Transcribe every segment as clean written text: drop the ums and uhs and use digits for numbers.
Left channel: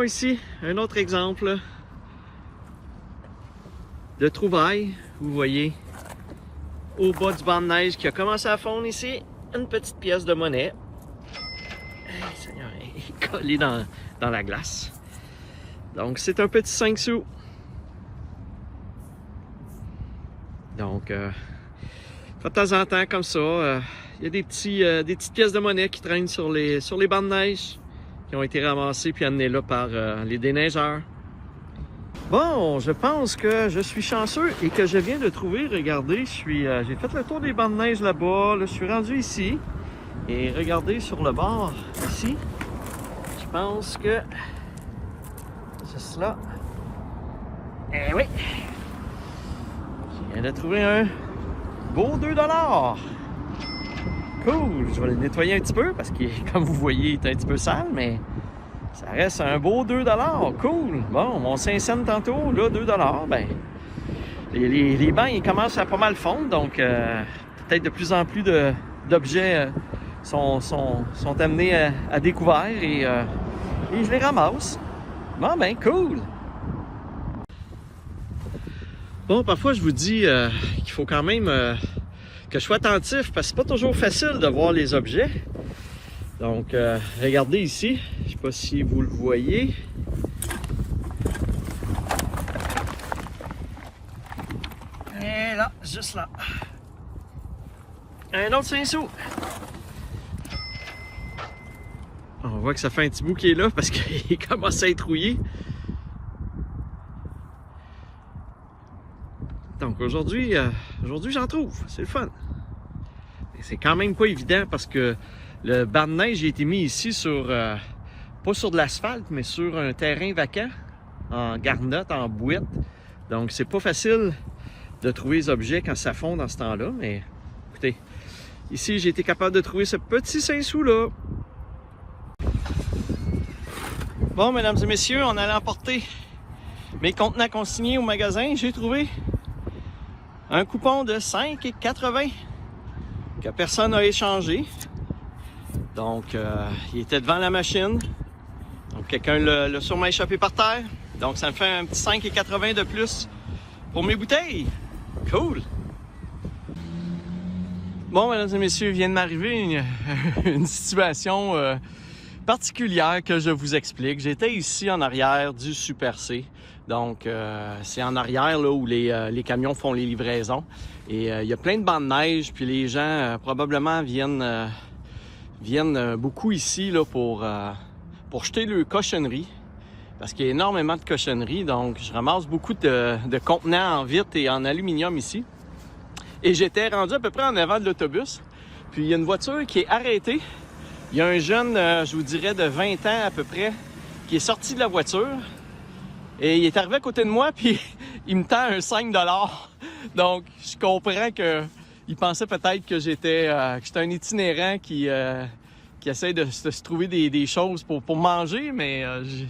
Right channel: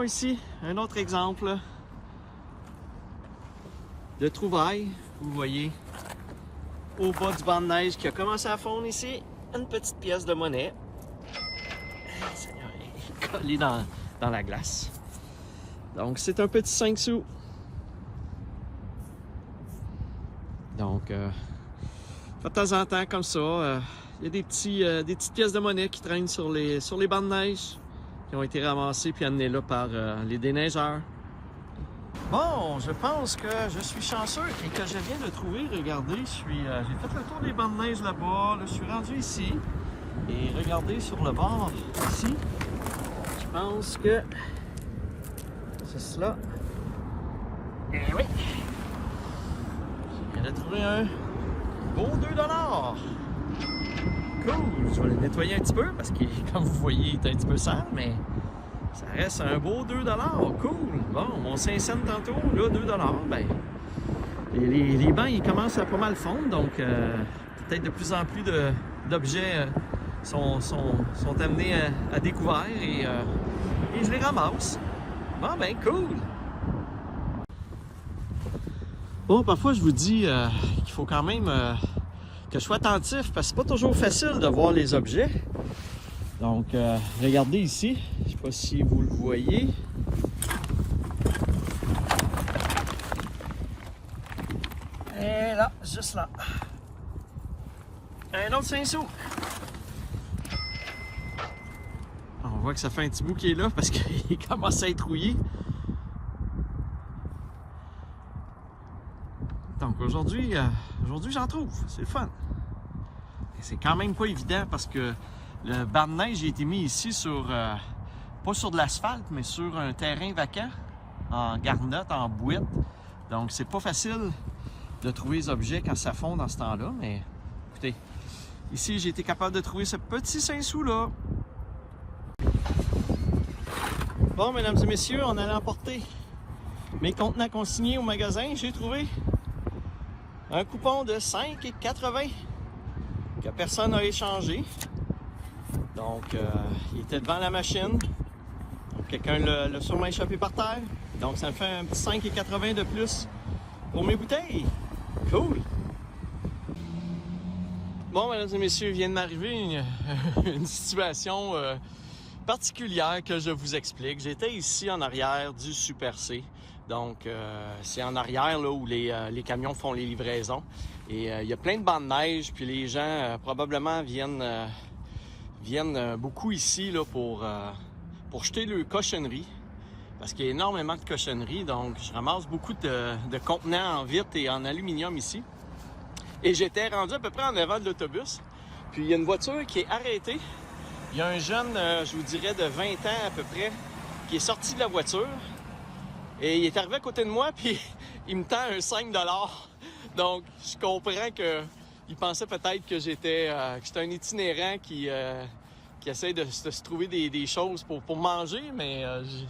Bon, ici, un autre exemple de trouvaille. Vous voyez, au bas du banc de neige qui a commencé à fondre ici, une petite pièce de monnaie. Hey, Seigneur, elle est collée dans la glace. Donc, c'est un petit 5 sous. Donc, de temps en temps, comme ça, il y a des petites pièces de monnaie qui traînent sur les bancs de neige qui ont été ramassées puis amenées là par les déneigeurs. Bon, je pense que je suis chanceux et que je viens de trouver, regardez, j'ai fait le tour des bancs de neige là-bas, là, je suis rendu ici et regardez sur le bord ici, je pense que c'est cela. Eh oui! Je viens de trouver un beau 2 $. Cool! Je vais le nettoyer un petit peu parce que, comme vous voyez, il est un petit peu sale, mais ça reste un beau 2 $. Cool! Bon, mon 5 cents tantôt, là, 2 $. Ben, les bancs, ils commencent à pas mal fondre, donc peut-être de plus en plus d'objets sont amenés à découvert et je les ramasse. Bon, ben, cool! Bon, parfois, je vous dis qu'il faut quand même que je sois attentif parce que c'est pas toujours facile de voir les objets. Donc, regardez ici, je sais pas si vous le voyez. Et là, juste là. Un autre 5 sous. On voit que ça fait un petit bout qui est là parce qu'il commence à être rouillé. Donc aujourd'hui, j'en trouve, c'est le fun. C'est quand même pas évident parce que le banc de neige a été mis ici sur, pas sur de l'asphalte, mais sur un terrain vacant, en garnotte, en boîte. Donc c'est pas facile de trouver les objets quand ça fond dans ce temps-là, mais écoutez, ici j'ai été capable de trouver ce petit 5 sous là. Bon, mesdames et messieurs, on allait emporter mes contenants consignés au magasin, j'ai trouvé un coupon de 5,80 que personne n'a échangé. Donc, il était devant la machine. Donc, quelqu'un l'a sûrement échappé par terre. Donc, ça me fait un petit 5,80 de plus pour mes bouteilles. Cool! Bon, mesdames et messieurs, il vient de m'arriver une situation particulière que je vous explique. J'étais ici en arrière du Super C. Donc, c'est en arrière là, où les camions font les livraisons. Et il y a plein de bancs de neige, puis les gens probablement viennent beaucoup ici là, pour jeter leurs cochonneries. Parce qu'il y a énormément de cochonneries. Donc, je ramasse beaucoup de contenants en vitre et en aluminium ici. Et j'étais rendu à peu près en avant de l'autobus. Puis, il y a une voiture qui est arrêtée. Il y a un jeune, je vous dirais, de 20 ans à peu près, qui est sorti de la voiture. Et il est arrivé à côté de moi, puis il me tend un 5 $. Donc, je comprends qu'il pensait peut-être que j'étais un itinérant qui essaie de se trouver des choses pour manger, mais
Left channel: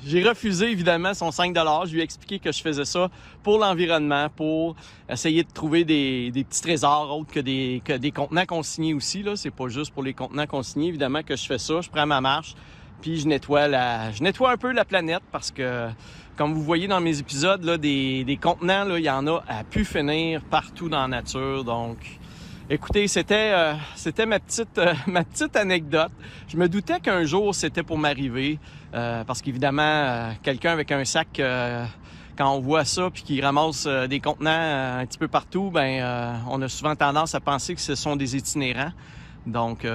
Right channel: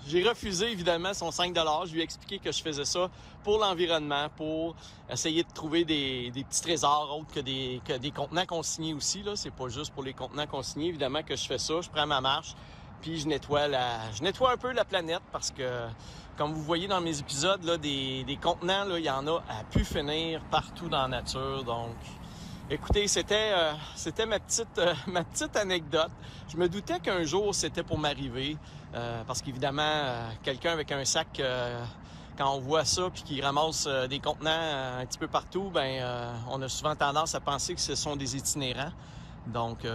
j'ai refusé évidemment son 5 $. Je lui ai expliqué que je faisais ça pour l'environnement, pour essayer de trouver des petits trésors autres que des contenants consignés aussi. Là, c'est pas juste pour les contenants consignés, évidemment, que je fais ça. Je prends ma marche, puis je nettoie un peu la planète parce que, comme vous voyez dans mes épisodes, là, des contenants, là, il y en a à pu finir partout dans la nature. Donc, écoutez, c'était ma petite anecdote. Je me doutais qu'un jour, c'était pour m'arriver. Parce qu'évidemment, quelqu'un avec un sac, quand on voit ça puis qu'il ramasse des contenants un petit peu partout, on a souvent tendance à penser que ce sont des itinérants. Donc,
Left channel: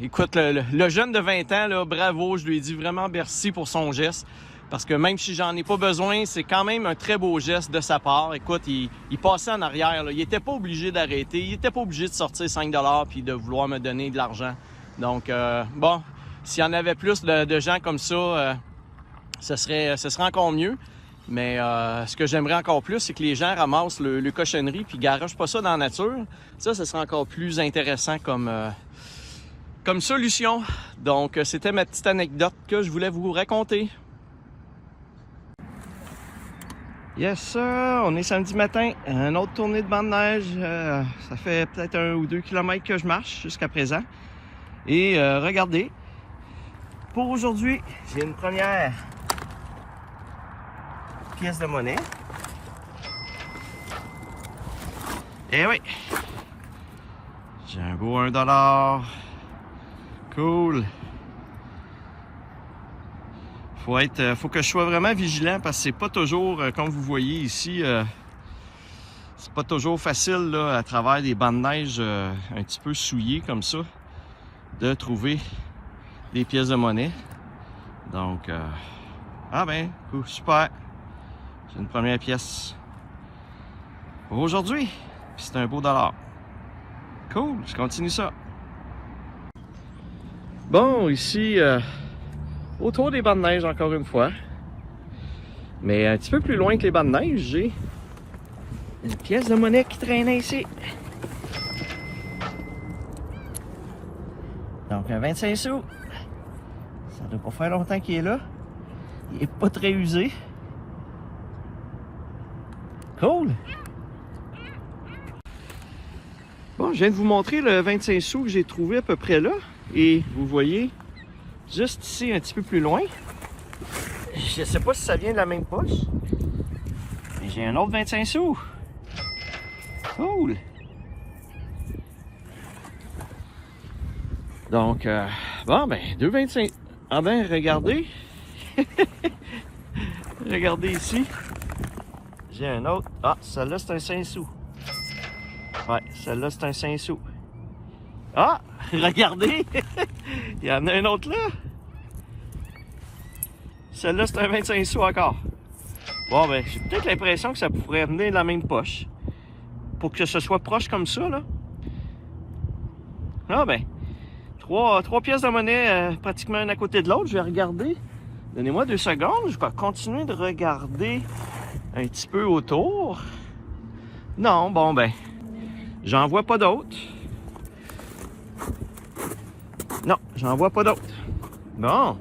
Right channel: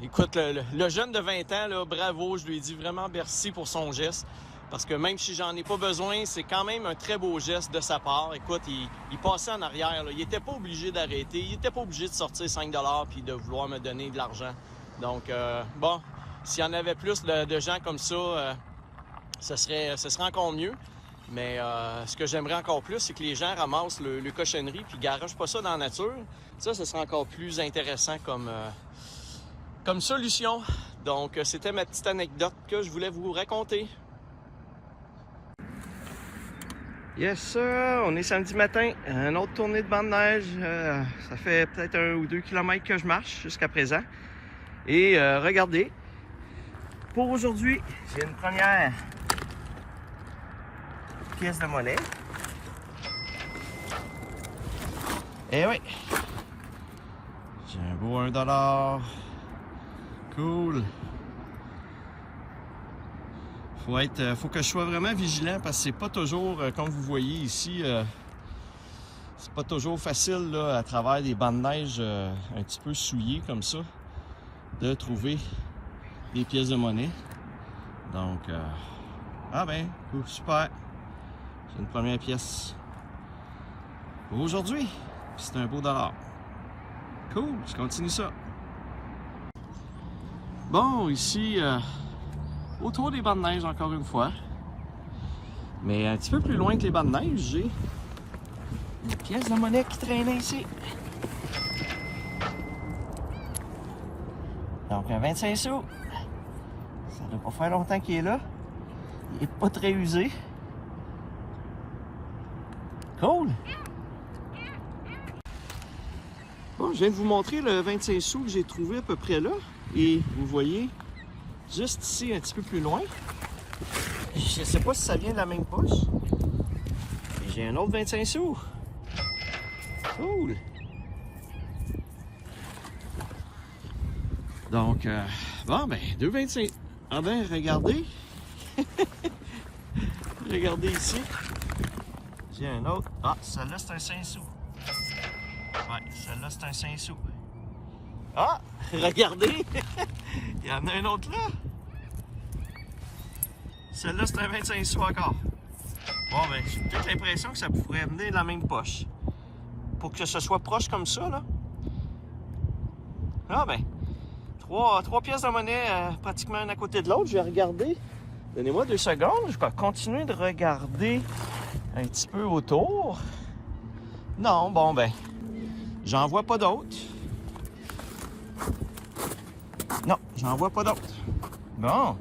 écoute, le jeune de 20 ans, là, bravo, je lui ai dit vraiment merci pour son geste. Parce que même si j'en ai pas besoin, c'est quand même un très beau geste de sa part. Écoute, il passait en arrière, là. Il était pas obligé d'arrêter, il était pas obligé de sortir 5 $ puis de vouloir me donner de l'argent. Donc, bon, s'il y en avait plus de gens comme ça, ce serait encore mieux. Mais ce que j'aimerais encore plus, c'est que les gens ramassent le cochonnerie puis garochent pas ça dans la nature. Ça, ce serait encore plus intéressant comme solution. Donc, c'était ma petite anecdote que je voulais vous raconter. Yes sir, on est samedi matin, une autre tournée de banc de neige, ça fait peut-être 1 ou 2 kilomètres que je marche jusqu'à présent. Et regardez, pour aujourd'hui, j'ai une première pièce de monnaie. Eh oui! J'ai un beau 1$. Cool! Faut que je sois vraiment vigilant parce que c'est pas toujours, comme vous voyez ici, c'est pas toujours facile là, à travers des bancs de neige un petit peu souillés comme ça, de trouver des pièces de monnaie. Donc, ah ben, super! J'ai une première pièce pour aujourd'hui. C'est un beau dollar. Cool, je continue ça. Bon, ici, autour des bancs de neige encore une fois. Mais un petit peu plus loin que les bancs de neige, j'ai une pièce de monnaie qui traînait ici. Donc un 25 sous. Ça doit pas faire longtemps qu'il est là. Il est pas très usé. Cool! Bon, je viens de vous montrer le 25 sous que j'ai trouvé à peu près là. Et vous voyez, juste ici, un petit peu plus loin, je ne sais pas si ça vient de la même poche. J'ai un autre 25 sous. Cool! Donc, bon, ben, 2,25. Ah ben, regardez. Regardez ici. J'ai un autre. Ah, celle-là, c'est un 5 sous. Ouais, celle-là, c'est un 5 sous. Ah, regardez! Il y en a un autre là. Celle-là, c'est un 25 sous encore. Bon, ben, j'ai peut-être l'impression que ça pourrait venir de la même poche. Pour que ce soit proche comme ça, là. Ah, ben, trois pièces de monnaie pratiquement une à côté de l'autre. Je vais regarder. Donnez-moi 2 secondes. Je vais continuer de regarder un petit peu autour. Non, bon, ben, j'en vois pas d'autres. Non, j'en vois pas d'autres. Bon.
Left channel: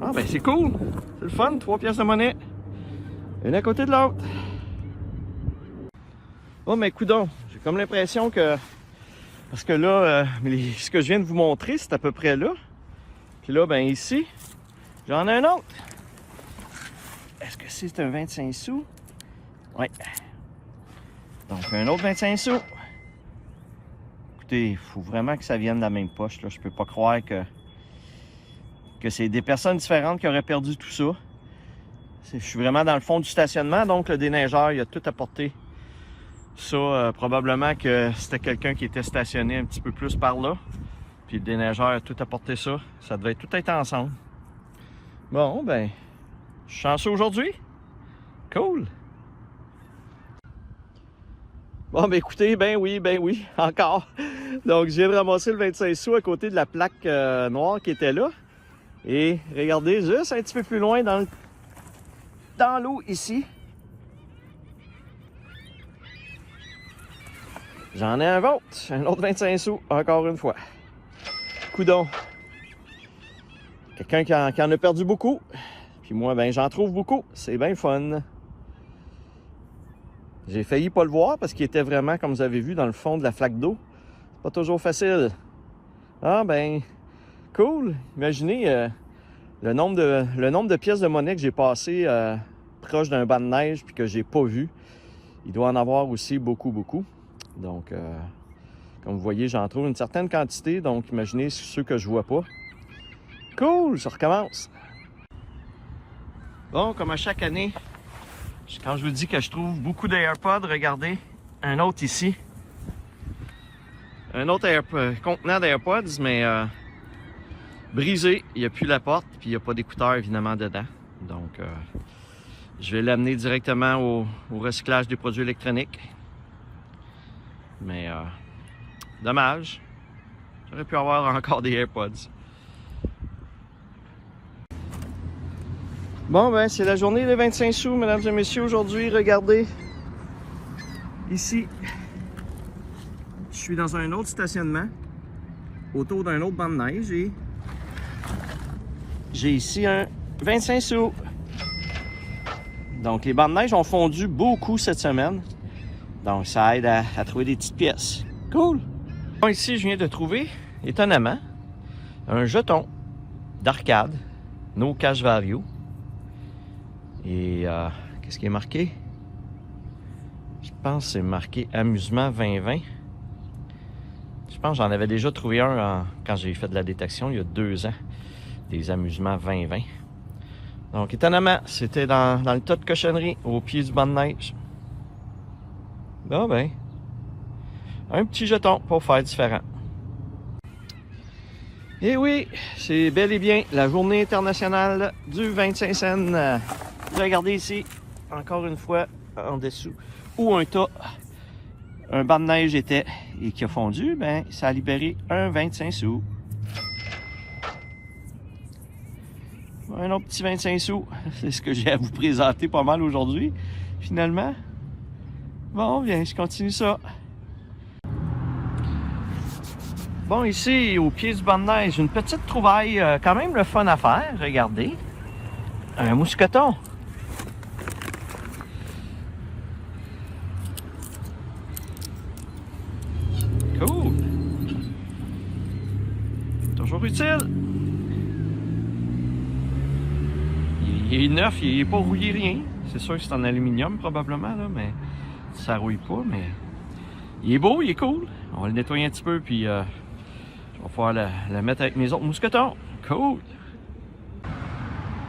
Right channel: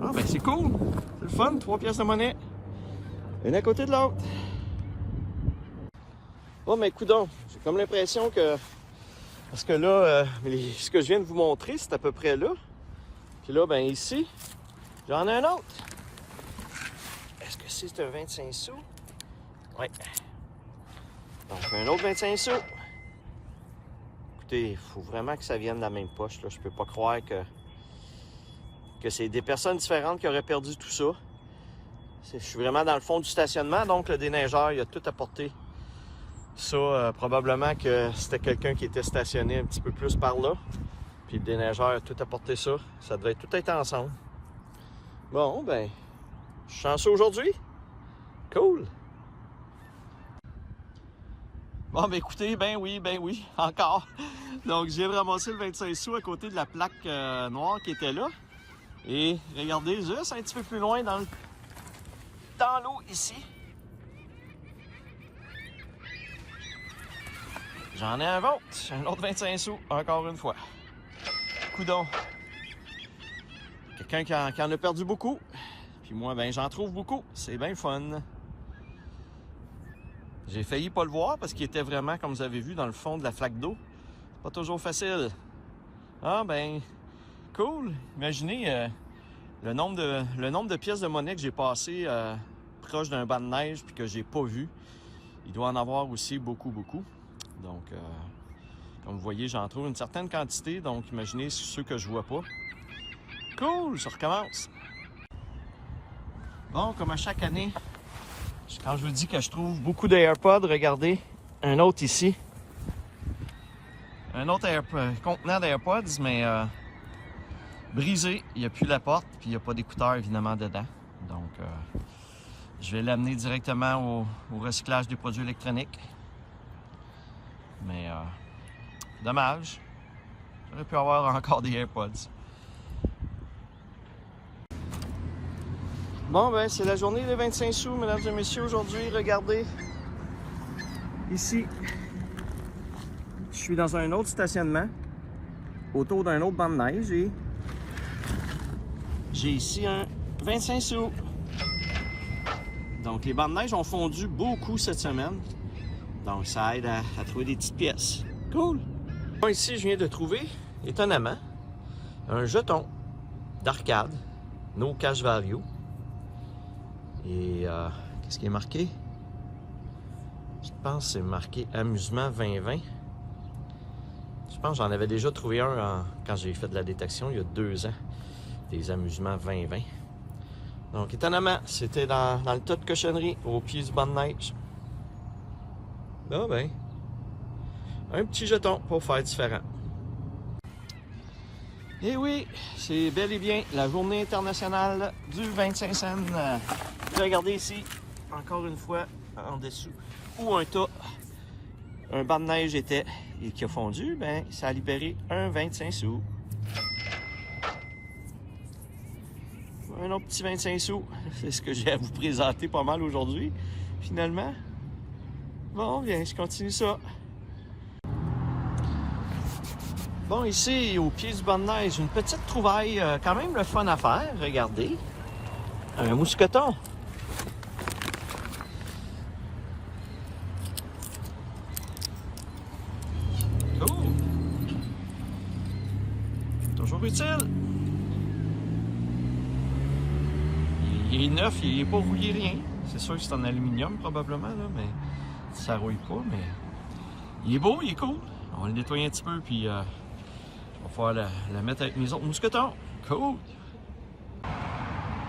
Ah, ben, c'est cool. C'est le fun. 3 pièces de monnaie. Une à côté de l'autre. Bon, mais coudonc, j'ai comme l'impression que... Parce que là, ce que je viens de vous montrer, c'est à peu près là. Puis là, ben ici, j'en ai un autre. Est-ce que c'est un 25 sous? Oui. Donc, un autre 25 sous. Écoutez, il faut vraiment que ça vienne de la même poche. Là. Je peux pas croire que c'est des personnes différentes qui auraient perdu tout ça. Je suis vraiment dans le fond du stationnement, donc le déneigeur, il a tout apporté. Ça, probablement que c'était quelqu'un qui était stationné un petit peu plus par là. Puis le déneigeur a tout apporté ça. Ça devait tout être ensemble. Bon, ben, je suis chanceux aujourd'hui. Cool. Bon, ben écoutez, ben oui, encore. Donc, je viens de ramasser le 25 sous à côté de la plaque noire qui était là. Et regardez, juste un petit peu plus loin dans l'eau ici. J'en ai un autre 25 sous, encore une fois. Coudon. Quelqu'un qui en a perdu beaucoup. Puis moi, ben j'en trouve beaucoup. C'est bien fun. J'ai failli pas le voir parce qu'il était vraiment, comme vous avez vu, dans le fond de la flaque d'eau. Pas toujours facile. Ah ben, cool. Imaginez le nombre de pièces de monnaie que j'ai passé proche d'un banc de neige puis que j'ai pas vu. Il doit en avoir aussi beaucoup. Donc, comme vous voyez, j'en trouve une certaine quantité. Donc, imaginez ceux que je vois pas. Cool, ça recommence. Bon, comme à chaque année, quand je vous dis que je trouve beaucoup d'AirPods, regardez, un autre ici. Un autre contenant d'AirPods, mais brisé. Il n'y a plus la porte, puis il n'y a pas d'écouteurs évidemment dedans. Donc, je vais l'amener directement au recyclage des produits électroniques. Mais dommage. J'aurais pu avoir encore des AirPods. Bon, ben, c'est la journée des 25 sous, mesdames et messieurs, aujourd'hui. Regardez. Ici, je suis dans un autre stationnement, autour d'un autre banc de neige, et j'ai ici un 25 sous. Donc, les bancs de neige ont fondu beaucoup cette semaine. Donc, ça aide à trouver des petites pièces. Cool! Bon, ici, je viens de trouver, étonnamment, un jeton d'arcade, No Cash Value. Et Qu'est-ce qui est marqué? Je pense que c'est marqué Amusement 2020. Je pense que j'en avais déjà trouvé un quand j'ai fait de la détection il y a 2 ans. Des Amusements 2020. Donc étonnamment, c'était dans le tas de cochonneries, au pied du banc de neige. Ah ben, un petit jeton pour faire différent. Et oui, c'est bel et bien la journée internationale du 25 cents. Regardez ici, encore une fois, en dessous, où un banc de neige était et qui a fondu, ben ça a libéré un 25 sous. Un autre petit 25 sous, c'est ce que j'ai à vous présenter pas mal aujourd'hui, finalement. Bon, bien, je continue ça. Bon, ici, au pied du banc de neige, une petite trouvaille quand même le fun à faire, regardez. Un mousqueton. Cool. Toujours utile. Il est neuf, il n'est pas rouillé rien. C'est sûr que c'est en aluminium probablement, là, mais ça rouille pas, mais il est beau, il est cool. On va le nettoyer un petit peu, puis je vais pouvoir la mettre avec mes autres mousquetons. Cool!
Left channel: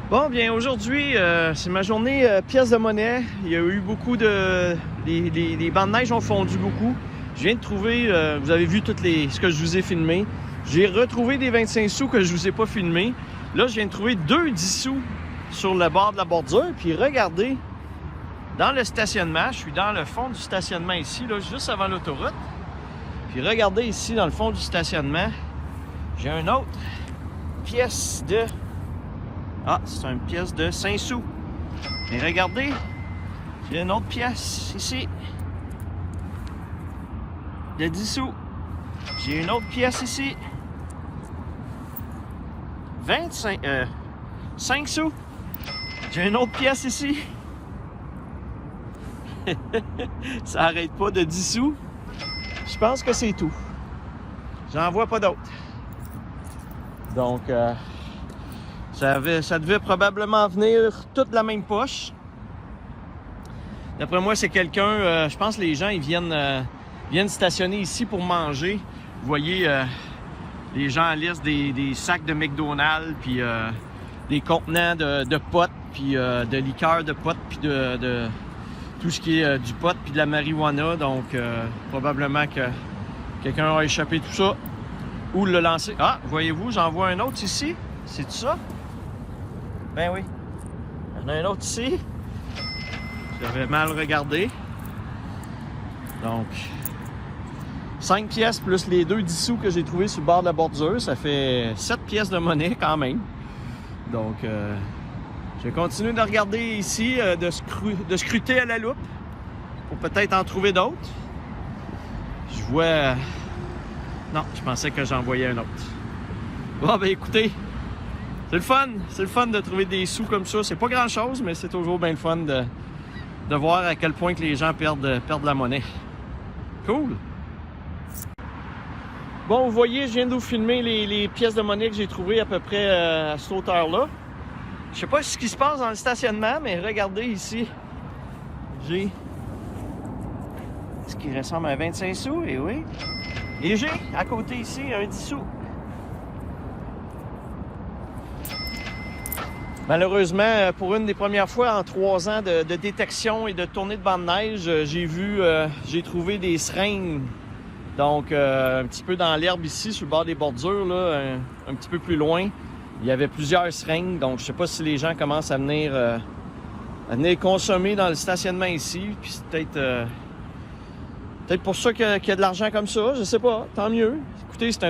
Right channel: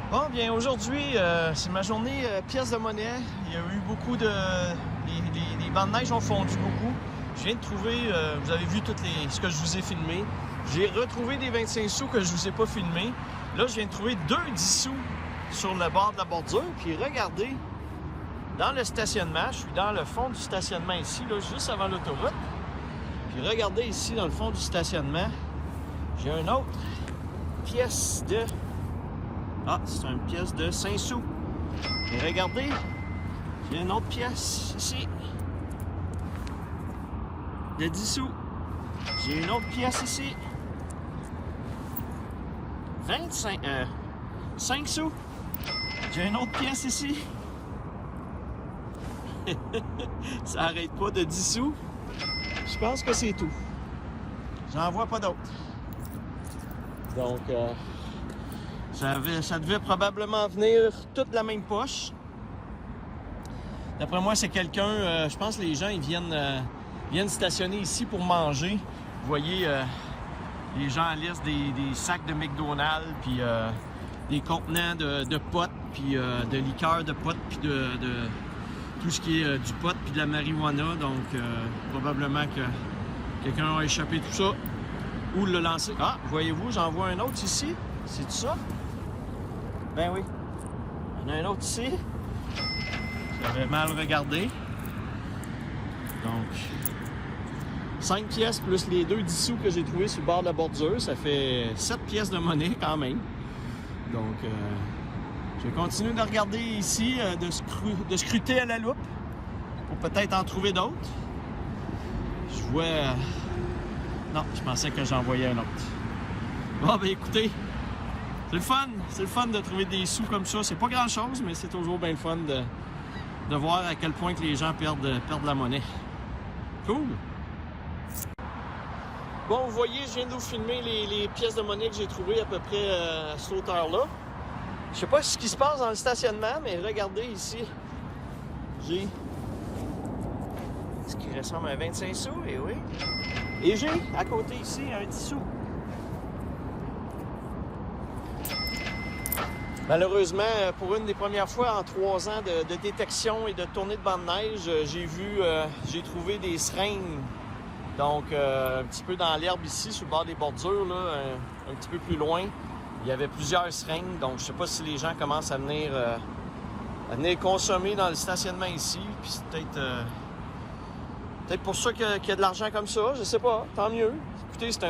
Bon, bien aujourd'hui, c'est ma journée pièce de monnaie. Il y a eu beaucoup de... Les bancs de neige ont fondu beaucoup. Je viens de trouver, vous avez vu ce que je vous ai filmé. J'ai retrouvé des 25 sous que je vous ai pas filmés. Là, je viens de trouver 2 10 sous sur le bord de la bordure. Puis regardez, dans le stationnement, je suis dans le fond du stationnement ici, là, juste avant l'autoroute. Puis regardez ici, dans le fond du stationnement, j'ai une autre pièce de... Ah, c'est une pièce de 5 sous. Et regardez, j'ai une autre pièce ici de 10 sous. J'ai une autre pièce ici. 5 sous. J'ai une autre pièce ici. Ça arrête pas de 10 sous. Je pense que c'est tout. J'en vois pas d'autres. Donc, ça devait probablement venir toute la même poche. D'après moi, c'est quelqu'un... je pense que les gens, ils viennent stationner ici pour manger. Vous voyez, les gens laissent des sacs de McDonald's, puis des contenants de potes, puis de liqueur de potes, puis de tout ce qui est du pot, puis de la marijuana. Donc, probablement que quelqu'un a échappé tout ça ou le lancer. Ah, voyez-vous, j'en vois un autre ici. C'est tout ça? Ben oui. Il y en a un autre ici. J'avais mal regardé. Donc, 5 pièces plus les 2 10 sous que j'ai trouvés sur le bord de la bordure, ça fait 7 pièces de monnaie quand même. Donc, je vais continuer de regarder ici, de scruter à la loupe pour peut-être en trouver d'autres. Je vois... Non, je pensais que j'en voyais un autre. Bon, ben écoutez, c'est le fun de trouver des sous comme ça. C'est pas grand-chose, mais c'est toujours bien le fun de voir à quel point que les gens perdent la monnaie. Cool! Bon, vous voyez, je viens de vous filmer les pièces de monnaie que j'ai trouvées à peu près à cette hauteur-là. Je sais pas ce qui se passe dans le stationnement, mais regardez ici. J'ai ce qui ressemble à 25 sous, et oui. Et j'ai à côté ici un 10 sous. Malheureusement, pour une des premières fois en 3 ans de détection et de tournée de banc de neige, j'ai trouvé des seringues. Donc, un petit peu dans l'herbe ici, sur le bord des bordures, là, un petit peu plus loin, il y avait plusieurs seringues. Donc, je sais pas si les gens commencent à venir consommer dans le stationnement ici. Puis c'est peut-être pour ça qu'il y a de l'argent comme ça, je sais pas, tant mieux. Écoutez, c'est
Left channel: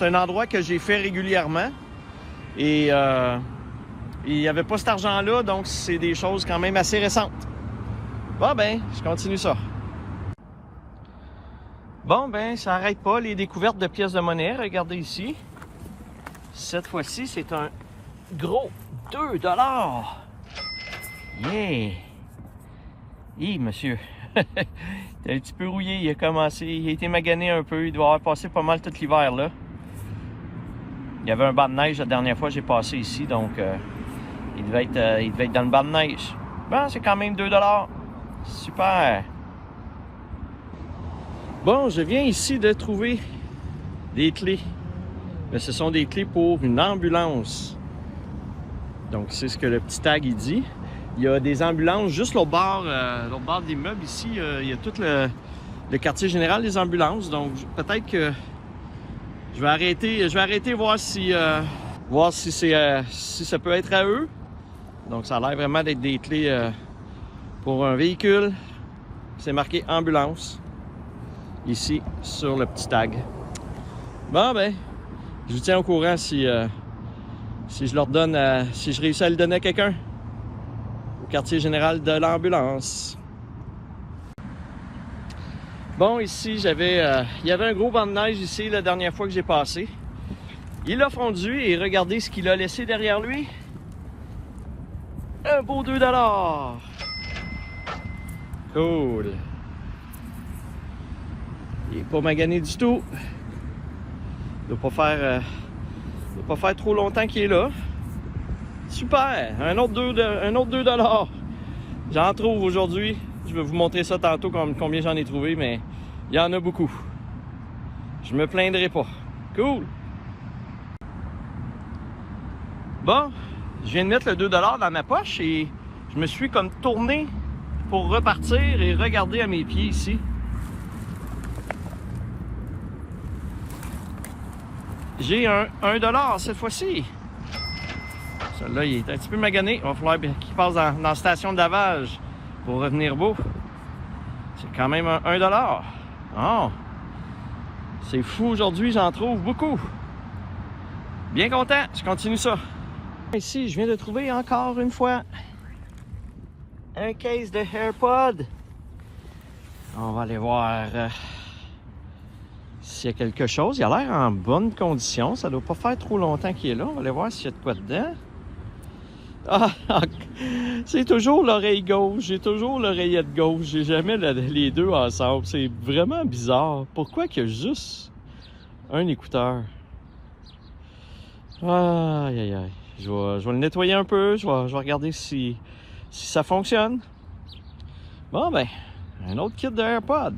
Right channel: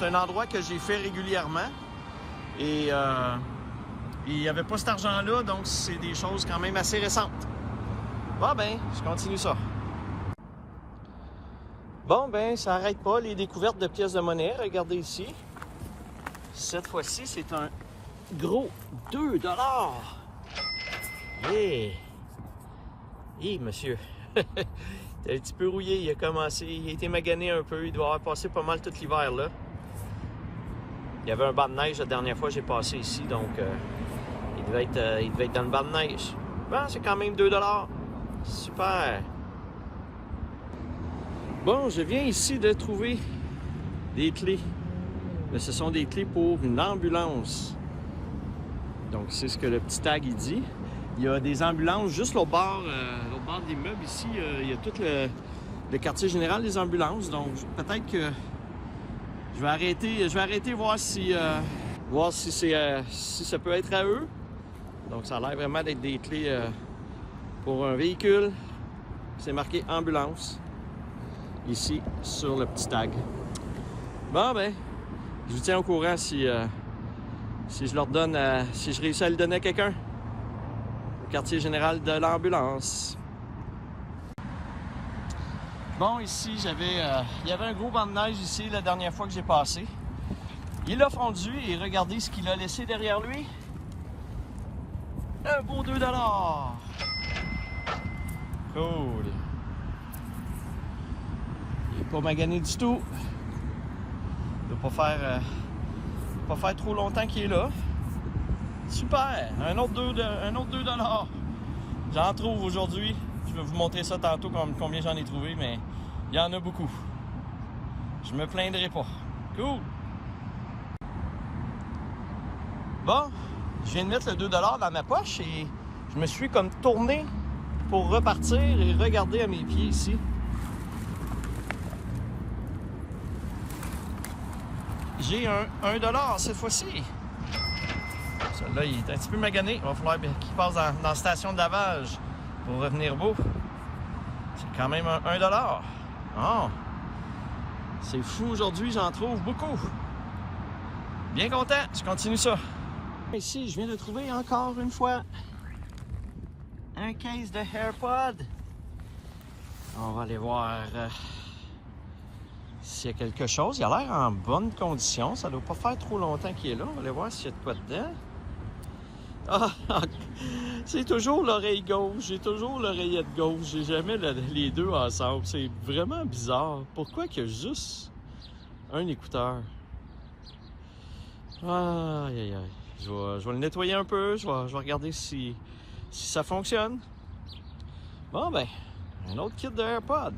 un endroit que j'ai fait régulièrement. Et il n'y avait pas cet argent-là, donc c'est des choses quand même assez récentes. Bon ben, je continue ça. Bon ben, ça n'arrête pas les découvertes de pièces de monnaie. Regardez ici. Cette fois-ci, c'est un gros 2 $. Mais, monsieur, il est un petit peu rouillé. Il a été magané un peu. Il doit avoir passé pas mal tout l'hiver là. Il y avait un banc de neige la dernière fois que j'ai passé ici, donc il devait être dans le banc de neige. Bon, c'est quand même 2 $. Super! Bon, je viens ici de trouver des clés. Mais ce sont des clés pour une ambulance. Donc, c'est ce que le petit tag il dit. Il y a des ambulances juste l'autre bord de l'immeuble ici. Il y a tout le quartier général des ambulances. Donc, peut-être que je vais arrêter voir si ça peut être à eux. Donc, ça a l'air vraiment d'être des clés pour un véhicule. C'est marqué ambulance ici sur le petit tag. Bon, ben, je vous tiens au courant si je leur donne, si je réussis à le donner à quelqu'un au quartier général de l'ambulance. Bon, ici, il y avait un gros banc de neige ici la dernière fois que j'ai passé. Il a fondu et regardez ce qu'il a laissé derrière lui. Un beau 2 $. Cool. Il n'est pas magané du tout. Il ne doit pas faire trop longtemps qu'il est là. Super! Un autre 2 $. J'en trouve aujourd'hui. Je vais vous montrer ça tantôt combien j'en ai trouvé, mais il y en a beaucoup. Je me plaindrai pas. Cool! Bon, je viens de mettre le 2 $ dans ma poche et je me suis comme tourné pour repartir et regarder à mes pieds ici. J'ai un 1 $ cette fois-ci. Celui-là, il est un petit peu magané. Il va falloir qu'il passe dans la station de lavage pour revenir beau. C'est quand même un 1 $. Oh! C'est fou aujourd'hui, j'en trouve beaucoup. Bien content, je continue ça. Ici, je viens de trouver encore une fois un case de AirPod. On va aller voir s'il y a quelque chose. Il a l'air en bonne condition. Ça ne doit pas faire trop longtemps qu'il est là. On va aller voir s'il y a de quoi dedans. Ah, c'est toujours l'oreille gauche. J'ai toujours l'oreillette gauche. J'ai jamais les deux ensemble. C'est vraiment bizarre. Pourquoi qu'il y a juste un écouteur? Aïe, aïe, aïe. Je vais le nettoyer un peu. Je vais regarder si ça fonctionne. Bon, ben, un autre kit de AirPod.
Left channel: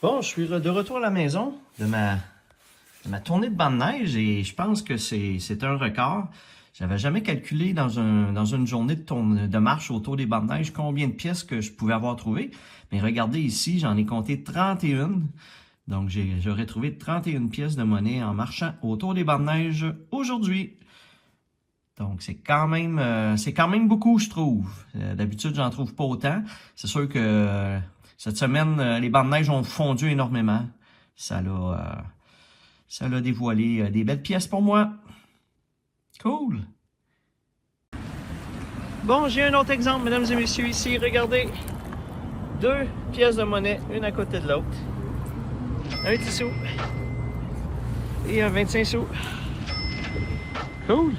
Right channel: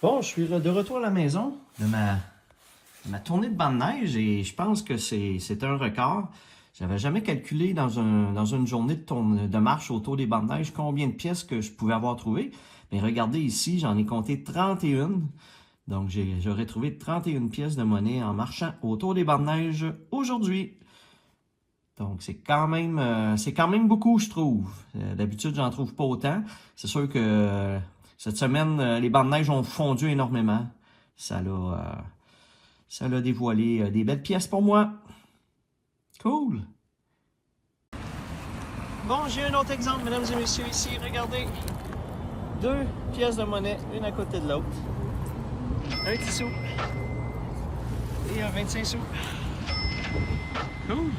Bon, je suis de retour à la maison de ma tournée de banc de neige et je pense que c'est un record. J'avais jamais calculé dans une journée de marche autour des bancs de neige combien de pièces que je pouvais avoir trouvé. Mais regardez ici, j'en ai compté 31. Donc, j'aurais trouvé 31 pièces de monnaie en marchant autour des bancs de neige aujourd'hui. Donc, c'est quand même beaucoup, je trouve. D'habitude, j'en trouve pas autant. C'est sûr que cette semaine, les bancs de neige ont fondu énormément. Ça l'a dévoilé des belles pièces pour moi. Cool! Bon, j'ai un autre exemple, mesdames et messieurs, ici. Regardez. 2 pièces de monnaie, une à côté de l'autre. Un 10 sous. Et un 25 sous. Cool!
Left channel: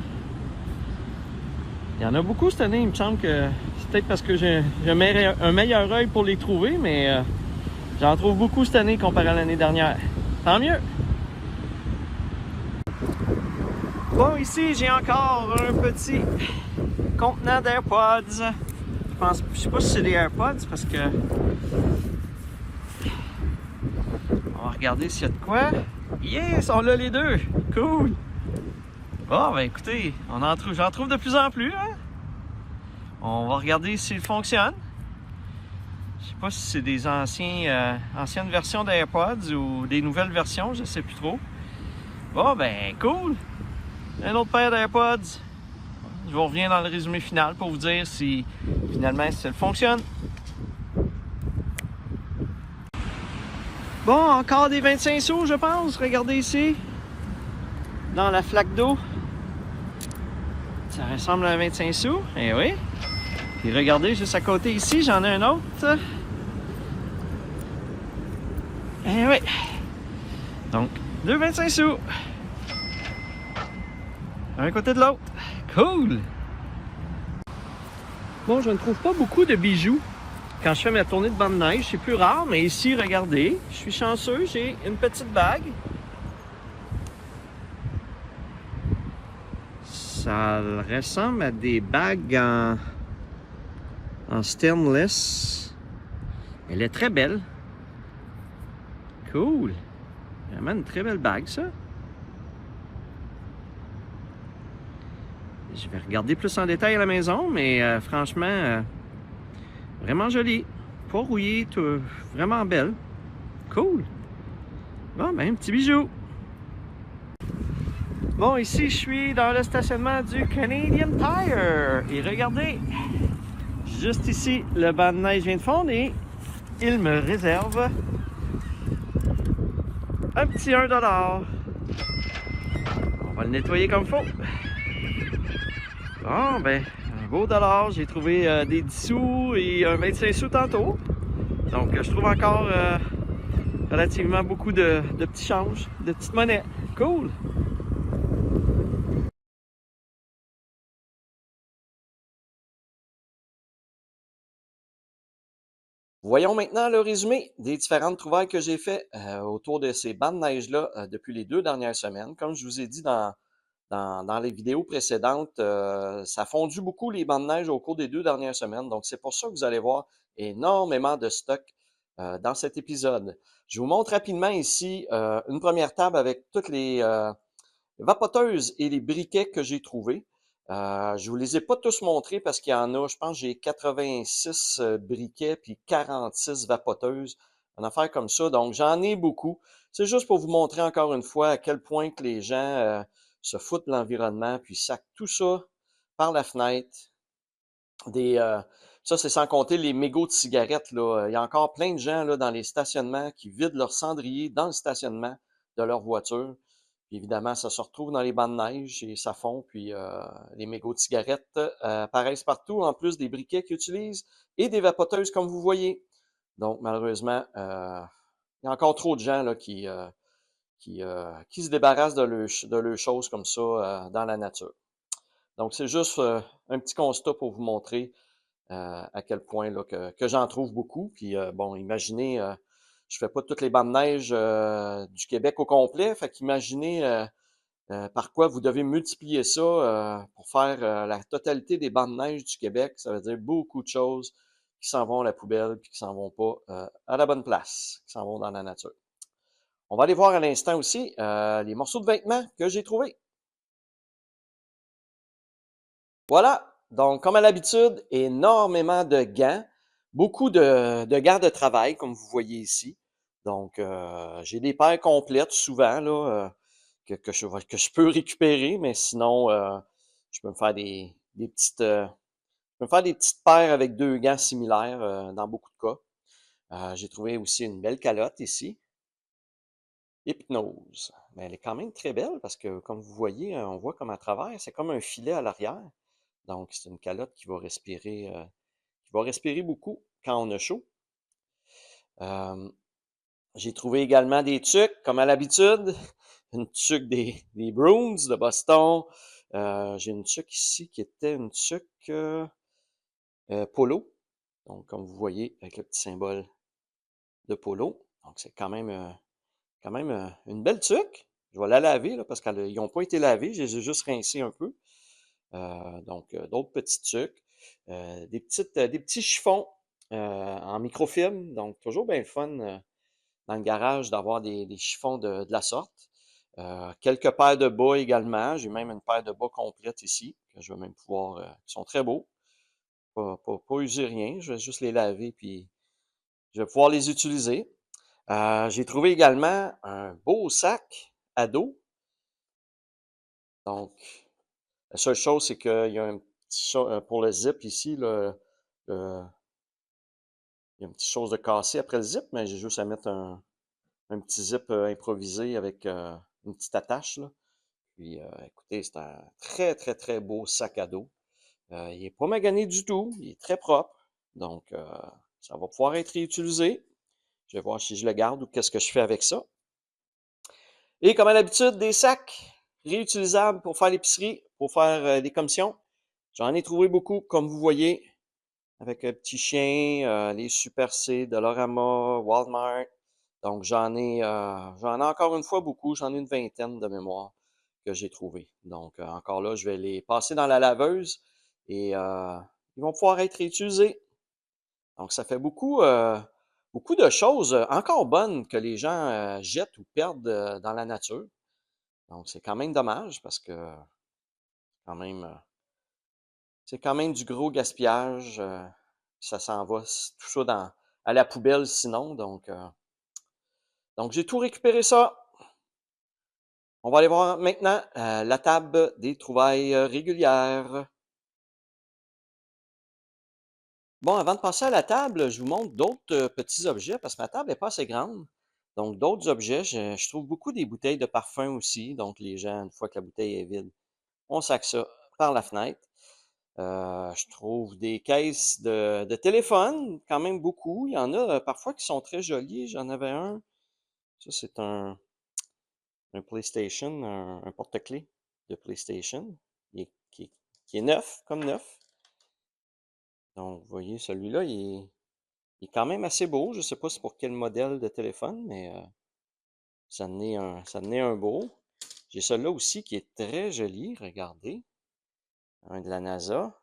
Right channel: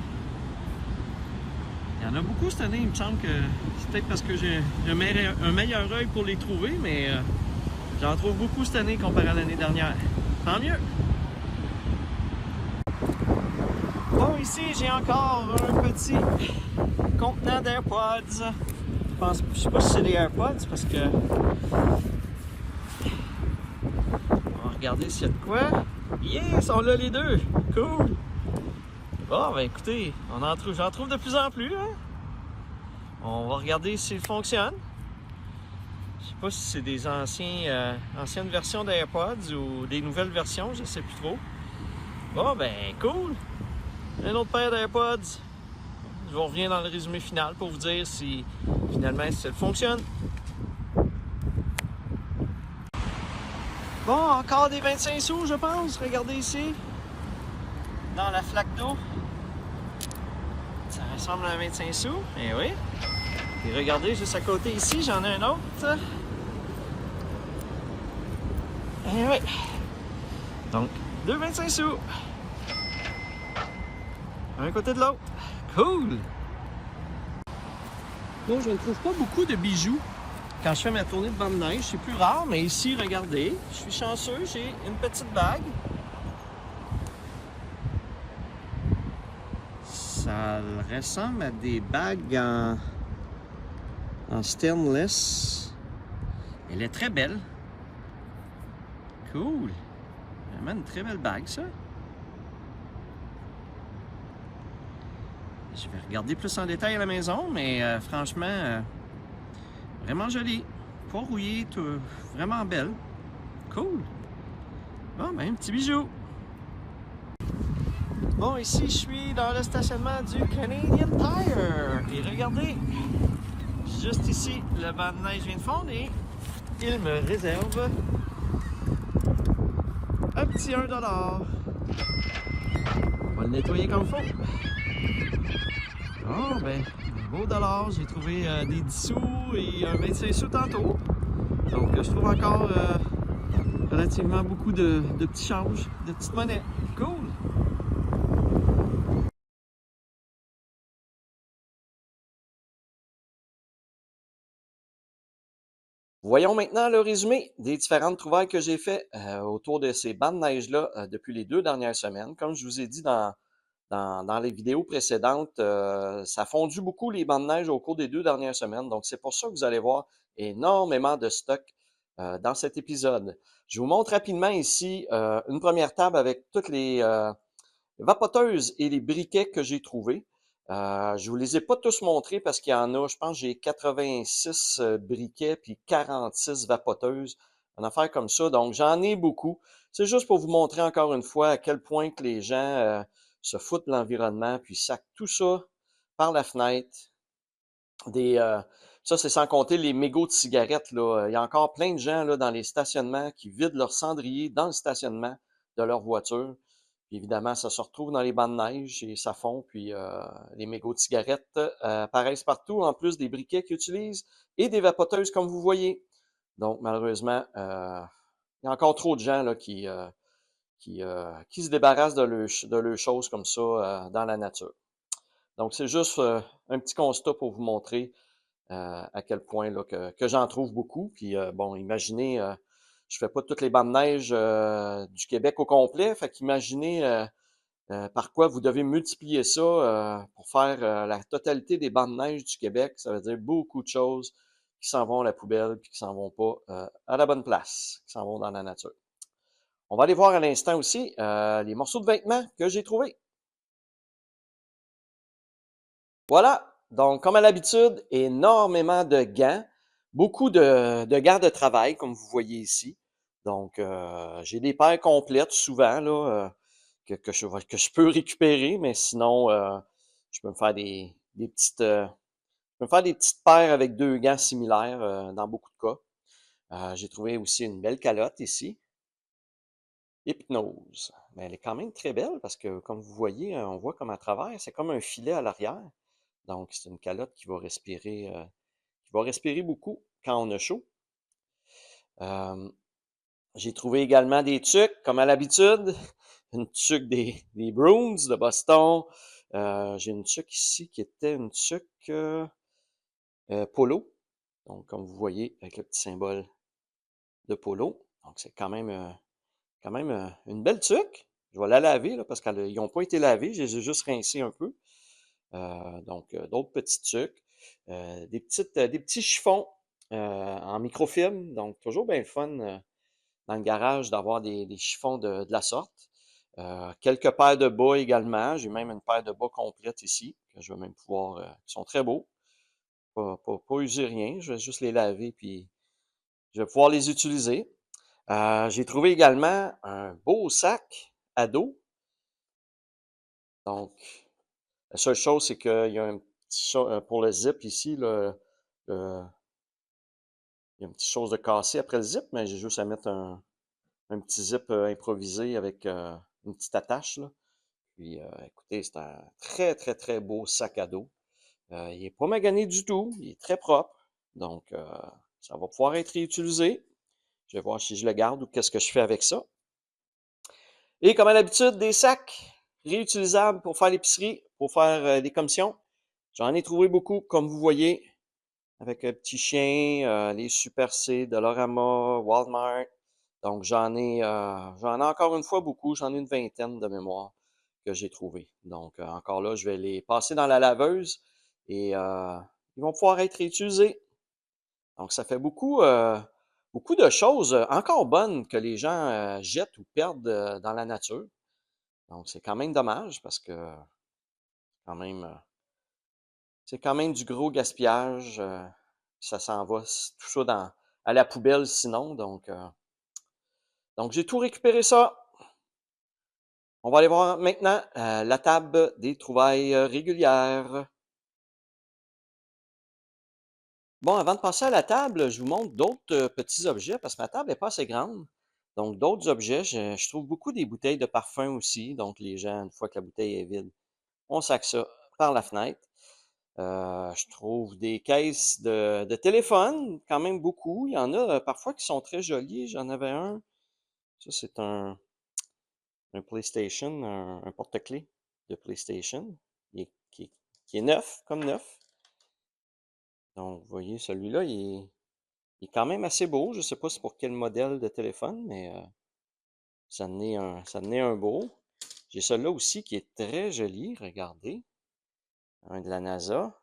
Il y en a beaucoup cette année, il me semble que c'est peut-être parce que j'ai un meilleur œil pour les trouver, mais j'en trouve beaucoup cette année comparé à l'année dernière. Tant mieux! Bon, ici, j'ai encore un petit contenant d'AirPods. Je sais pas si c'est des AirPods parce que... On va regarder s'il y a de quoi. Yes, on l'a les deux! Cool! Bon, ben écoutez, j'en trouve de plus en plus. Hein? On va regarder s'il fonctionne. Je sais pas si c'est des anciennes versions d'AirPods ou des nouvelles versions, je sais plus trop. Bon, ben cool! Un autre paire d'AirPods. Je vous reviens dans le résumé final pour vous dire si finalement ça fonctionne. Bon, encore des 25 sous, je pense. Regardez ici. Dans la flaque d'eau. Ça ressemble à un 25 sous. Eh oui. Et regardez, juste à côté ici, j'en ai un autre. Eh oui. Donc, 2 25 sous. Un côté de l'autre. Cool! Bon, je ne trouve pas beaucoup de bijoux quand je fais ma tournée de banc de neige. C'est plus rare, mais ici, regardez, je suis chanceux, j'ai une petite bague. Ça ressemble à des bagues en stainless. Elle est très belle. Cool. Vraiment une très belle bague, ça. Je vais regarder plus en détail à la maison, mais franchement, vraiment jolie. Pas rouillée, vraiment belle. Cool. Bon, ben, un petit bijou. Bon, ici, je suis dans le stationnement du Canadian Tire. Et regardez, juste ici, le banc de neige vient de fondre et il me réserve un petit 1 $. On va le nettoyer comme il faut. Bon, ben, un beau dollar. J'ai trouvé des 10 sous et un 25 sous tantôt. Donc, je trouve encore relativement beaucoup de petits changes, de petites monnaies. Cool! Voyons maintenant le résumé des différentes trouvailles que j'ai fait autour de ces bancs de neige-là depuis les 2 dernières semaines. Comme je vous ai dit dans les vidéos précédentes, ça a fondu beaucoup les bancs de neige au cours des 2 dernières semaines. Donc, c'est pour ça que vous allez voir énormément de stock dans cet épisode. Je vous montre rapidement ici une première table avec toutes les vapoteuses et les briquets que j'ai trouvés. Je vous les ai pas tous montrés parce qu'il y en a, je pense j'ai 86 briquets puis 46 vapoteuses, une affaire comme ça. Donc, j'en ai beaucoup. C'est juste pour vous montrer encore une fois à quel point que les gens se foutent de l'environnement puis sacent tout ça par la fenêtre. Ça, c'est sans compter les mégots de cigarettes, là. Il y a encore plein de gens là, dans les stationnements qui vident leur cendrier dans le stationnement de leur voiture. Puis évidemment, ça se retrouve dans les bancs de neige et ça fond. Puis les mégots de cigarettes apparaissent partout, en plus des briquets qu'ils utilisent et des vapoteuses, comme vous voyez. Donc, malheureusement, il y a encore trop de gens là, qui se débarrassent de leurs choses comme ça dans la nature. Donc, c'est juste un petit constat pour vous montrer à quel point là, que j'en trouve beaucoup. Puis bon, imaginez, je fais pas toutes les bandes de neige du Québec au complet. Fait qu'imaginez par quoi vous devez multiplier ça pour faire la totalité des bandes de neige du Québec. Ça veut dire beaucoup de choses qui s'en vont à la poubelle puis qui s'en vont pas à la bonne place, qui s'en vont dans la nature. On va aller voir à l'instant aussi les morceaux de vêtements que j'ai trouvés. Voilà, donc comme à l'habitude, énormément de gants, beaucoup de gants de travail, comme vous voyez ici. Donc, j'ai des paires complètes souvent là, que je peux récupérer, mais sinon, je peux me faire des petites, je peux me faire des petites paires avec 2 gants similaires dans beaucoup de cas. J'ai trouvé aussi une belle calotte ici. Hypnose. Mais elle est quand même très belle parce que, comme vous voyez, on voit comme à travers, c'est comme un filet à l'arrière. Donc, c'est une calotte qui va respirer beaucoup quand on a chaud. J'ai trouvé également des tucs, comme à l'habitude. Une tuque des Bruins de Boston. J'ai une tuque ici qui était une tuque polo. Donc, comme vous voyez, avec le petit symbole de polo. Donc, c'est quand même une belle tuque. Je vais la laver là, parce qu'ils n'ont pas été lavés. Je les ai juste rincés un peu. Donc, d'autres petits tucs. Des petits chiffons en microfilm. Donc, toujours bien le fun dans le garage d'avoir des chiffons de la sorte. Quelques paires de bas également. J'ai même une paire de bas complète ici, que je vais même pouvoir, qui sont très beaux. Pas user rien. Je vais juste les laver, puis je vais pouvoir les utiliser. J'ai trouvé également un beau sac à dos. Donc, la seule chose, c'est qu'il y a un petit pour le zip ici, là, il y a une petite chose de cassé après le zip, mais j'ai juste à mettre un petit zip improvisé avec une petite attache, là. Puis, écoutez, c'est un très, très, très beau sac à dos. Il est pas magané du tout, il est très propre. Donc, ça va pouvoir être réutilisé. Je vais voir si je le garde ou qu'est-ce que je fais avec ça. Et comme à l'habitude, des sacs réutilisables pour faire l'épicerie, pour faire des commissions. J'en ai trouvé beaucoup, comme vous voyez, avec un petit chien, les Super C, Dollarama, Walmart. Donc j'en ai encore une fois beaucoup, j'en ai une vingtaine de mémoire. que j'ai trouvés. Donc, encore là, je vais les passer dans la laveuse et ils vont pouvoir être réutilisés. Donc, ça fait beaucoup de choses encore bonnes que les gens jettent ou perdent dans la nature. Donc, c'est quand même dommage parce que quand même, c'est quand même du gros gaspillage. Ça s'en va tout ça à la poubelle sinon. Donc j'ai tout récupéré ça. On va aller voir maintenant la table des trouvailles régulières. Bon, avant de passer à la table, je vous montre d'autres petits objets parce que ma table n'est pas assez grande. Donc, d'autres objets, je trouve beaucoup des bouteilles de parfum aussi. Donc, les gens, une fois que la bouteille est vide, on sac ça par la fenêtre. Je trouve des caisses de téléphone, quand même beaucoup. Il y en a parfois qui sont très jolies. J'en avais un. Ça, c'est un PlayStation, un porte-clés de PlayStation qui est neuf, comme neuf. Donc, vous voyez, celui-là, il est quand même assez beau. Je ne sais pas c'est pour quel modèle de téléphone, mais ça en est un beau. J'ai celui-là aussi qui est très joli. Regardez. Un de la NASA.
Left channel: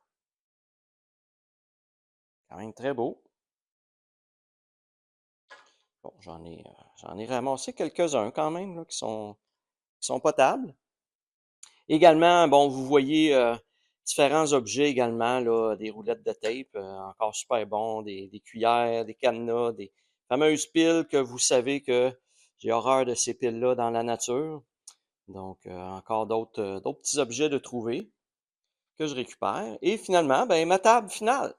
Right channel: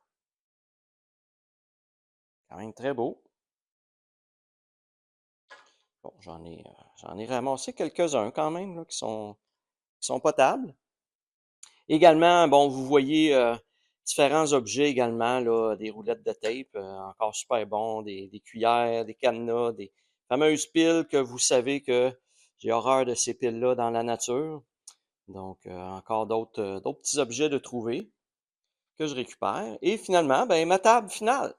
Quand même très beau. Bon, j'en ai ramassé quelques-uns quand même là, qui sont potables. Également, bon, vous voyez différents objets également, là, des roulettes de tape, encore super bons, des cuillères, des cadenas, des fameuses piles que vous savez que j'ai horreur de ces piles-là dans la nature. Donc, encore d'autres petits objets de trouver que je récupère. Et finalement, ben, ma table finale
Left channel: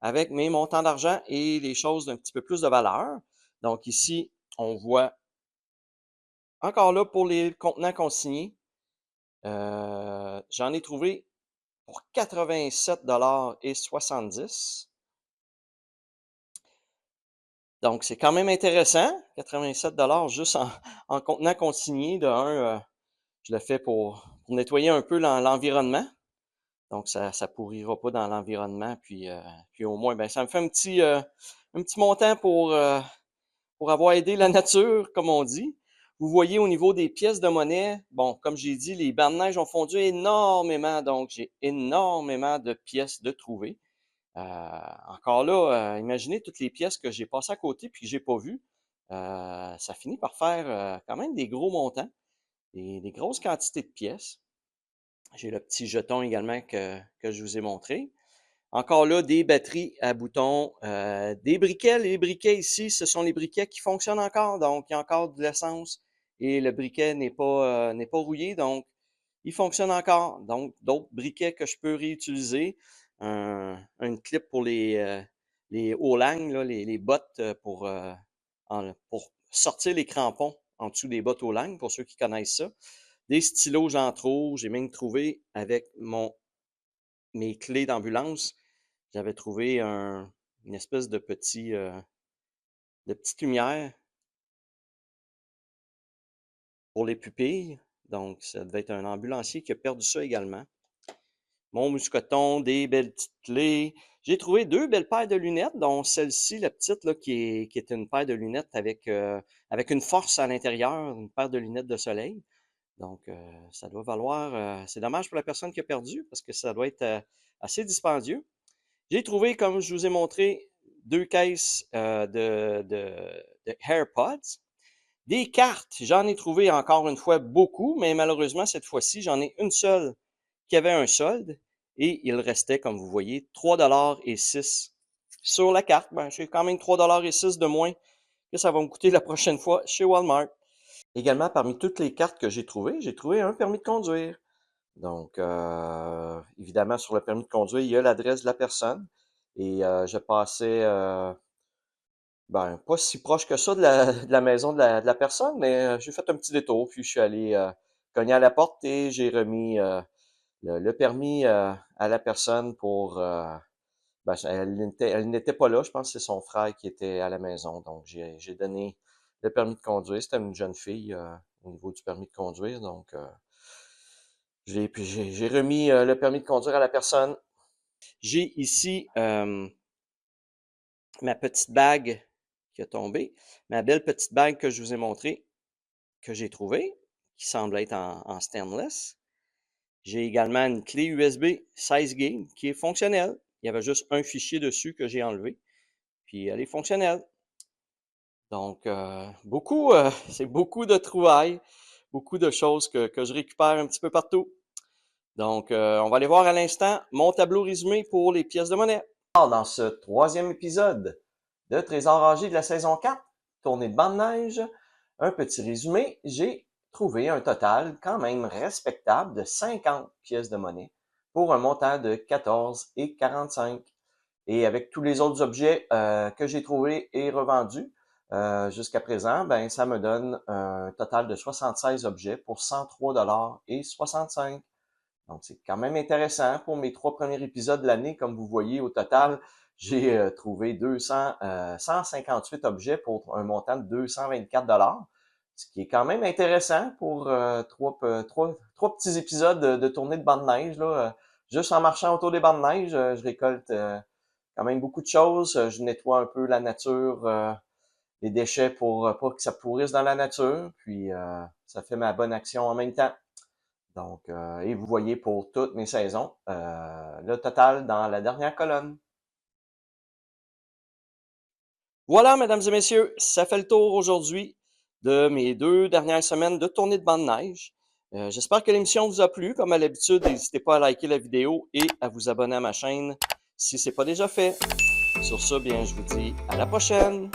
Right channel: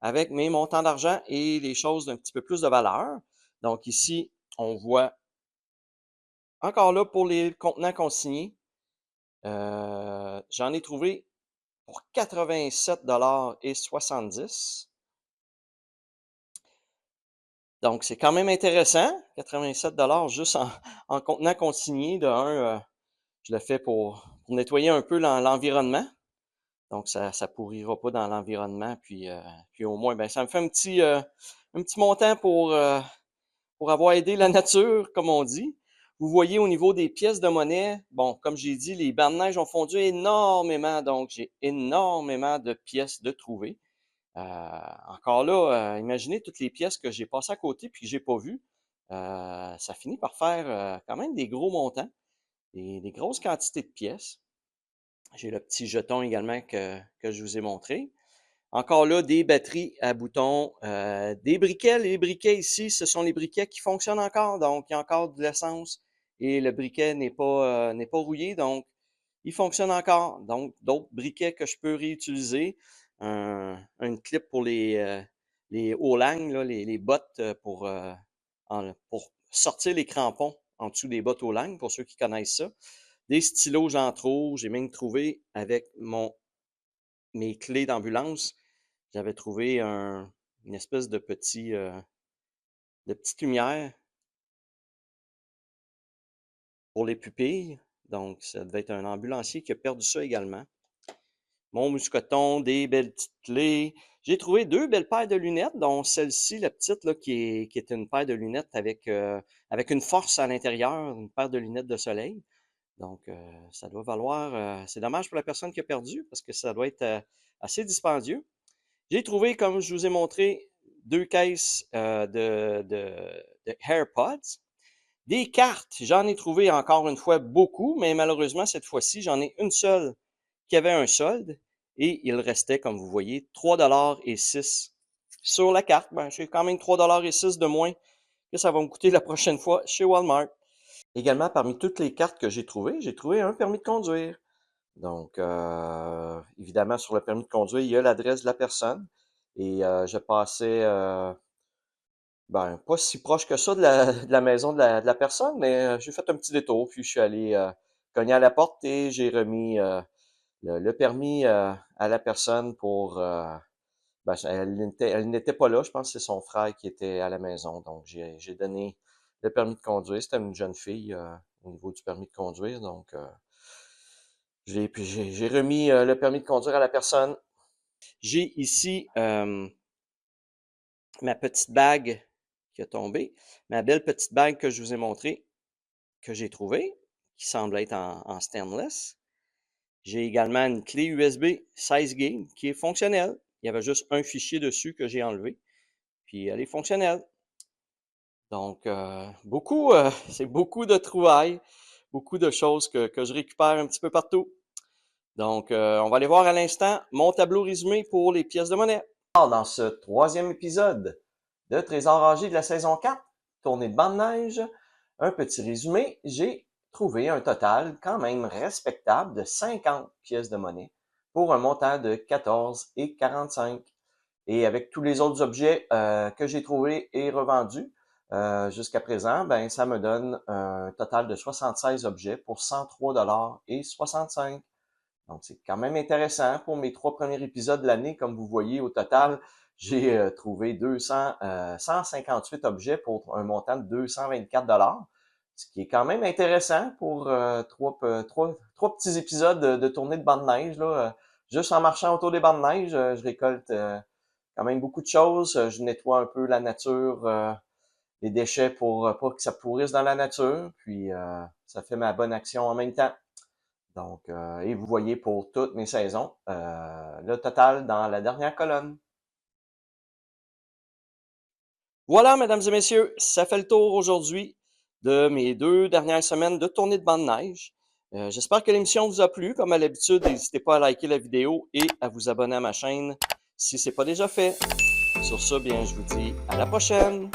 avec mes montants d'argent et les choses d'un petit peu plus de valeur. Donc ici, on voit encore là pour les contenants consignés, j'en ai trouvé pour 87,70 $. Donc c'est quand même intéressant, 87 $ juste en contenant consigné. De un, je le fais pour nettoyer un peu l'environnement. Donc ça pourrira pas dans l'environnement. Puis au moins, ben, ça me fait un petit montant pour avoir aidé la nature, comme on dit. Vous voyez au niveau des pièces de monnaie, bon, comme j'ai dit, les bancs de neige ont fondu énormément, donc j'ai énormément de pièces de trouver. Encore là, imaginez toutes les pièces que j'ai passées à côté puis que j'ai pas vues. Ça finit par faire quand même des gros montants, des grosses quantités de pièces. J'ai le petit jeton également que je vous ai montré. Encore là, des batteries à boutons, des briquets. Les briquets ici, ce sont les briquets qui fonctionnent encore. Donc, il y a encore de l'essence et le briquet n'est pas rouillé. Donc, il fonctionne encore. Donc, d'autres briquets que je peux réutiliser. Une clip pour les Olang, là, les bottes pour sortir les crampons en dessous des bottes Olang, pour ceux qui connaissent ça. Des stylos, j'en trouve. J'ai même trouvé avec mes clés d'ambulance. J'avais trouvé une espèce de petite lumière pour les pupilles. Donc, ça devait être un ambulancier qui a perdu ça également. Mon mousqueton, des belles petites clés. J'ai trouvé deux belles paires de lunettes, dont celle-ci, la petite, là, qui est une paire de lunettes avec une force à l'intérieur, une paire de lunettes de soleil. Donc, ça doit valoir. C'est dommage pour la personne qui a perdu parce que ça doit être assez dispendieux. J'ai trouvé, comme je vous ai montré, deux caisses de AirPods. Des cartes, j'en ai trouvé encore une fois beaucoup, mais malheureusement, cette fois-ci, j'en ai une seule qui avait un solde et il restait, comme vous voyez, 3,06 $ sur la carte. Ben, j'ai quand même 3,06 $ de moins que ça va me coûter la prochaine fois chez Walmart. Également, parmi toutes les cartes que j'ai trouvé un permis de conduire. Donc, évidemment, sur le permis de conduire, il y a l'adresse de la personne. Et je passais, ben, pas si proche que ça de la maison de la personne, mais j'ai fait un petit détour, puis je suis allé cogner à la porte et j'ai remis le permis à la personne pour... ben, elle n'était pas là, je pense que c'est son frère qui était à la maison. Donc, j'ai donné le permis de conduire. C'était une jeune fille au niveau du permis de conduire. Donc, j'ai remis le permis de conduire à la personne. J'ai ici ma petite bague qui a tombé, ma belle petite bague que je vous ai montrée, que j'ai trouvée. qui semble être en stainless. J'ai également une clé USB 16 GB qui est fonctionnelle. Il y avait juste un fichier dessus que j'ai enlevé, puis elle est fonctionnelle. Donc, c'est beaucoup de trouvailles, beaucoup de choses que je récupère un petit peu partout. Donc, on va aller voir à l'instant mon tableau résumé pour les pièces de monnaie. Alors, dans ce troisième épisode de Trésor âgé de la saison 4, tournée de bande de neige, un petit résumé, j'ai trouvé un total quand même respectable de 50 pièces de monnaie pour un montant de 14,45. Et avec tous les autres objets que j'ai trouvés et revendus jusqu'à présent, ben ça me donne un total de 76 objets pour 103,65 $. Donc, c'est quand même intéressant pour mes 3 premiers épisodes de l'année. Comme vous voyez, au total, j'ai trouvé 158 objets pour un montant de 224 $, ce qui est quand même intéressant pour trois petits épisodes de tournée de bande de neige. Là. Juste en marchant autour des bandes de neige, je récolte quand même beaucoup de choses. Je nettoie un peu la nature, les déchets pour pas que ça pourrisse dans la nature. Puis, ça fait ma bonne action en même temps. Donc, et vous voyez pour toutes mes saisons, le total dans la dernière colonne. Voilà, mesdames et messieurs, ça fait le tour aujourd'hui de mes 2 dernières semaines de tournée de bande de neige. J'espère que l'émission vous a plu. Comme à l'habitude, n'hésitez pas à liker la vidéo et à vous abonner à ma chaîne si ce n'est pas déjà fait. Sur ce, bien, je vous dis à la prochaine!